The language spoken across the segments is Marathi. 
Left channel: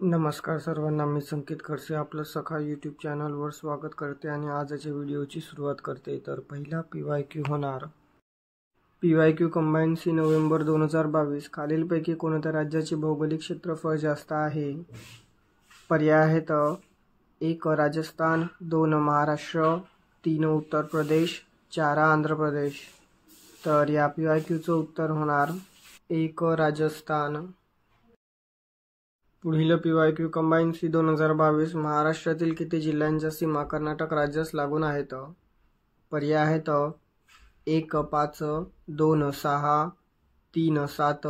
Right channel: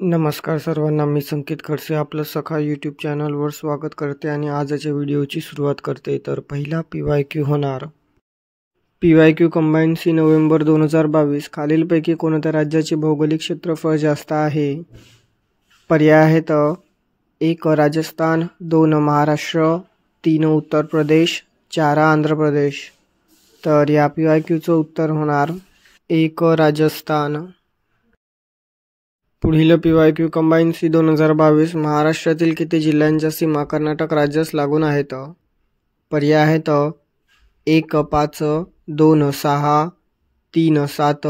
नमस्कार सर्वांना, मी संकेत खडसे आपलं सखा यूट्यूब चॅनलवर स्वागत करते आणि आजच्या व्हिडिओची सुरुवात करते. तर पहिला PYQ होणार PYQ कंबाईन सी नोव्हेंबर 2022. खालीलपैकी कोणत्या राज्याचे भौगोलिक क्षेत्रफळ जास्त आहे? पर्याय आहेत: 1 राजस्थान, 2 महाराष्ट्र, 3 उत्तर प्रदेश, 4 आंध्र प्रदेश. तर या PYQचं उत्तर होणार 1 राजस्थान. पुढील PYQ कंबाईन सी 2022. महाराष्ट्रातील किती जिल्ह्यांच्या सीमा कर्नाटक राज्यास लागून आहेत? पर्याय आहेत: 1 5, 2 6, 3 7,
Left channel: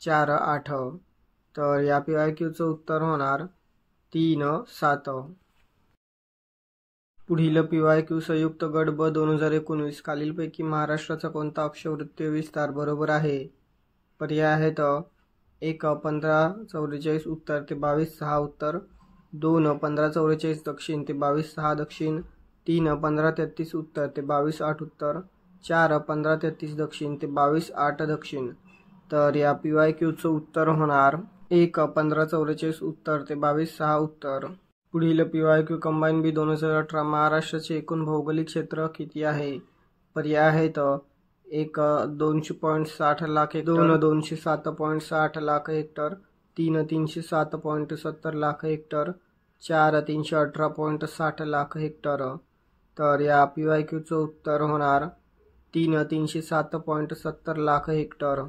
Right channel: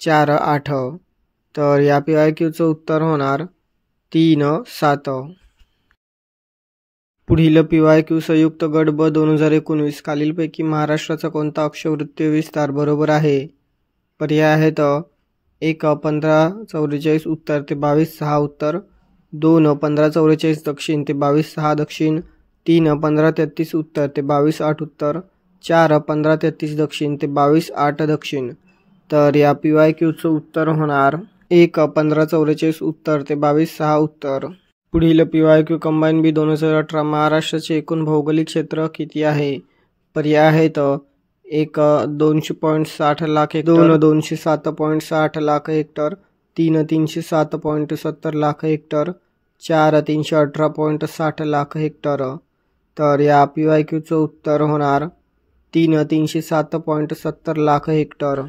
4 8. तर या PYQचं उत्तर होणार 3 7. पुढील PYQ संयुक्त गट ब 2019. खालीलपैकी महाराष्ट्राचा कोणता अक्षवृत्तीय विस्तार बरोबर आहे? पर्याय आहेत: 1 1544 उत्तर ते 22/6 उत्तर, 2 1544 दक्षिण ते 22/6 दक्षिण, 3 1533 उत्तर ते 22/8 उत्तर, 4 1533 दक्षिण ते 22/8 दक्षिण. तर या PYQचं उत्तर होणार 1 1544 उत्तर ते 22/6 उत्तर. पुढील PYQ कंबाईन बी 2018. महाराष्ट्राचे एकूण भौगोलिक क्षेत्र किती आहे? पर्याय आहेत: 1 200.60 lakh hectare, 2 207.60 lakh hectare, 3 307.70 lakh hectare, 4 318.60 lakh hectare. तर या PYQचं उत्तर होणार 3 307.70 लाख हेक्टर.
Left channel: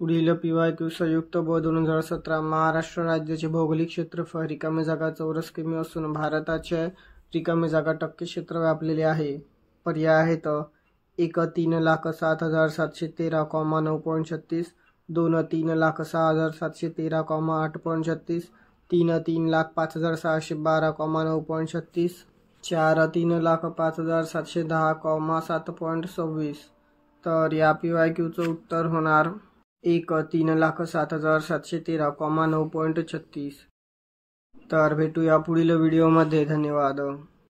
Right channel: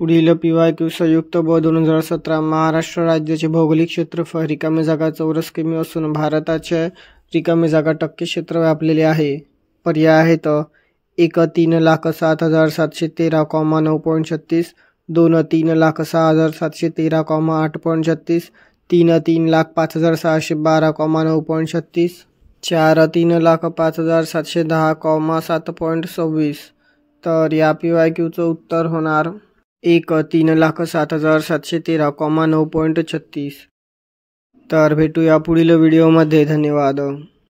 पुढील PYQ संयुक्त ब 2017. महाराष्ट्र राज्याचे भौगोलिक क्षेत्रफळ रिकामी जागा चौरस किमी असून भारताचे रिकामी जागा टक्के क्षेत्र व्यापलेले आहे. पर्याय आहेत: 1 3,06,713,9.36, 2 3,06,713,8.36, 3 3,05,612,9.36, 4 3,05,710,7.26. तर या PYQचं उत्तर होणार 1 3,07,713,9.36. तर भेटूया पुढील व्हिडिओमध्ये. धन्यवाद.